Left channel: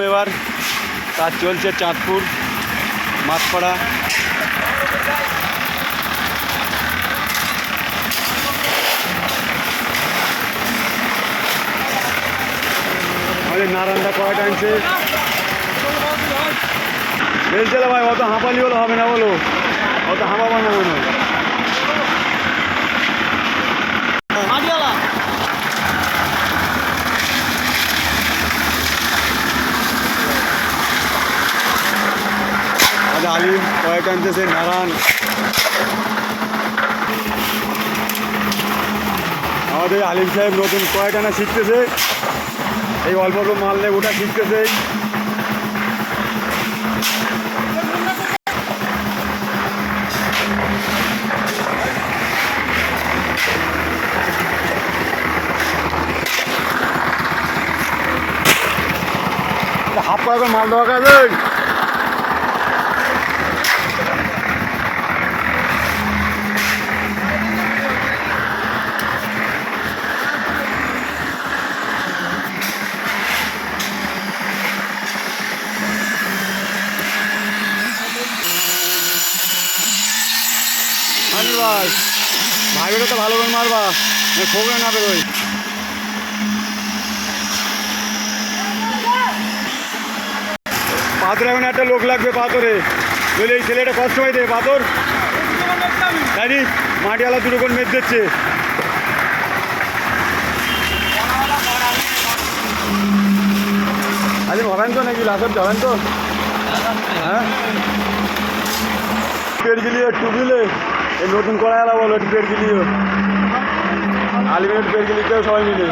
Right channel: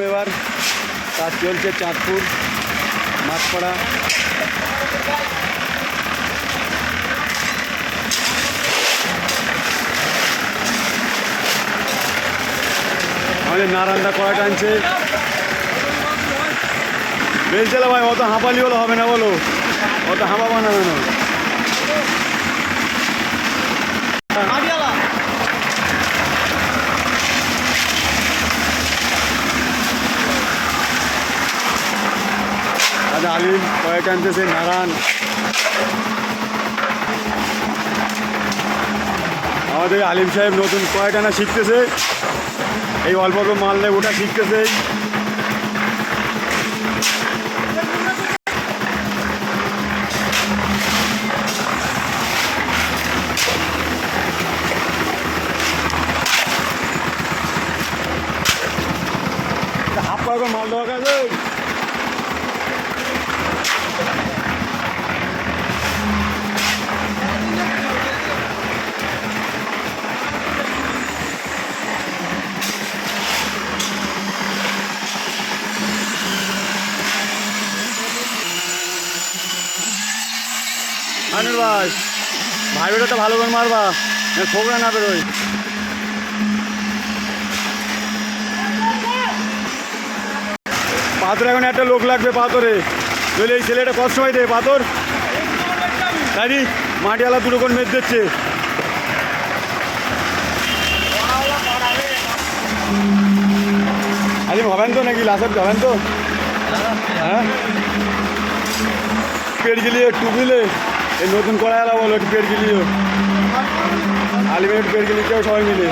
এবার কাজ চলছে চাঁদপুর মাছপাড়া। আমাদের নারায়ণদা কড়া টানছে, বেলছে না ভাই, অত হাঁপালি হলে হবে না, বলো অত হাঁপাবা না কেন? আজ আলিম কয়েক আনতেছে, নারায়ণ আমাদের আলিম সাহেব নতুন কয়েক আনা শিখতেছে, এই অল্প অল্প মাল নেই ওটা শিখতেছে। হাফ করে মাল দেওয়া কাছে আনির ভাই, ভাই বেটা তো ভালো করে মারবা, ঠোকরা না বেরোয়। পাথর এখন একটা লোক লাগবে, পাথরে যদি এই ছেলেটা কষ্ট হয় দেয় পাথর গাড়ি মাটিওয়ালা দুটো কোন মেদ দিচ্ছে। আলিম হবেন তো নাকি লাসব যাবেন তো? হ্যাঁ পেট গিলিয়ে একটু দিলে এই নতুন কড়াইওয়ালা বলো একটু পেট গিলিয়ে, আলিমের পেট গিলিয়ে সবাই মিলে।